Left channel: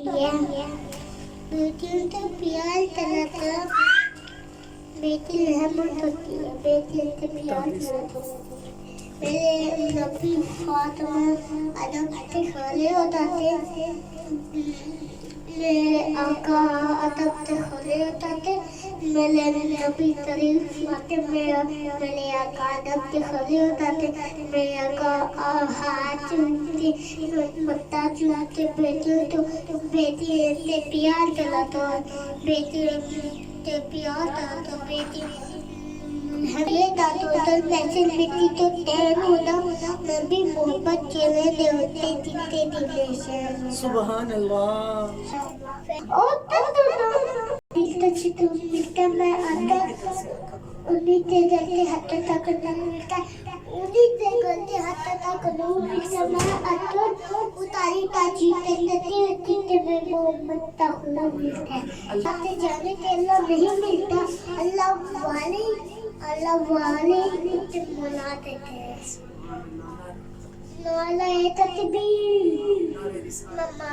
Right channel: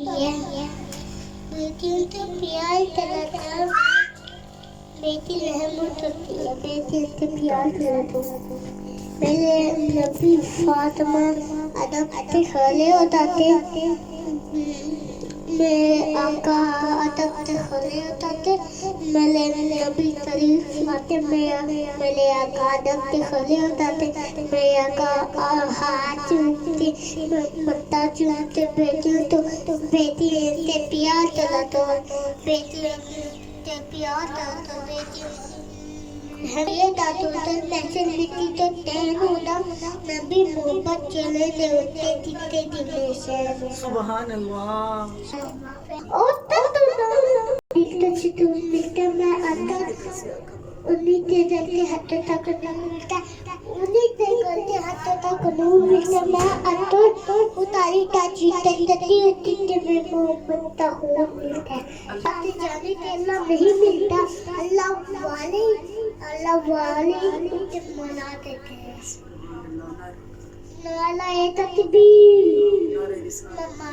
बेटियों से प्यार तलाका बेटी रहमत होती है बेटी से प्यार तलाका मेरे नबी फातिमा अदब से खड़े हो जाते मेरे आका अदब से खड़े हो जाते मेरे नबी शरीफ आते मेरे आका अदब से खड़े हो जाते मेरे आका हाथ चूमते मत्था चूमते बेटियों तो बेटी से प्यार चला तो बेटी से प्यार था तो बेटी ये दादू तो पैसे मिट्टी तो टैन होता नबी मोहब्बत चले दे उठते जितने दिन से सुबहान अल्लाह। और तो चितू मिलता मैं अंदर उन्हीं के जलते हाथ तक नहीं मिलता उन्हीं के गलते हाथ तक नहीं मिलता मैं अंदर उतारी का जीते जीते में मोहब्बत का हो मिलता है आते जाने के अल्लाह नहीं मिलता अल्लाह वाले मुझे मना देते हैं नाला है तकबीर मम्मा